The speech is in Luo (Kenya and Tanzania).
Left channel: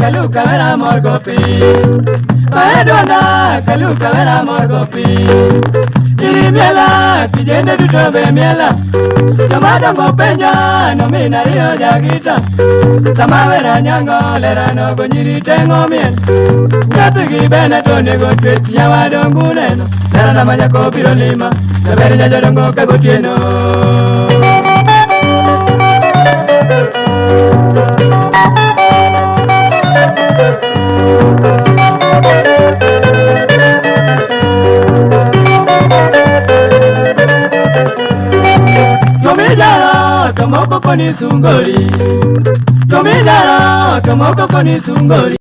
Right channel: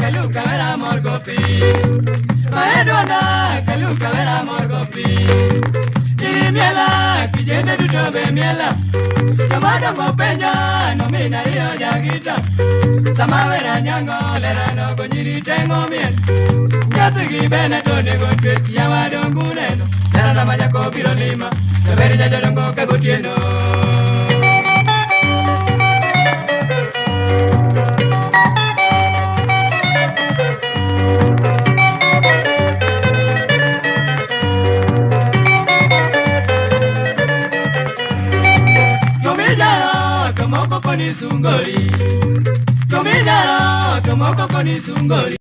kaluka vera morgopi. Maedona kaluka vera morgopi. Iri miela kijende duto be miela. Tomado ngopenya no minario jagita. Sama vera nyango lera no gonyiri tengo mien. Nyatigi bene tone go tweti ya wadongu neno. Lera na manyako biro lima. Naberi jajodongo kagotieno. Tomoko koni sungori. Tomijaro, tomoko koni sungori.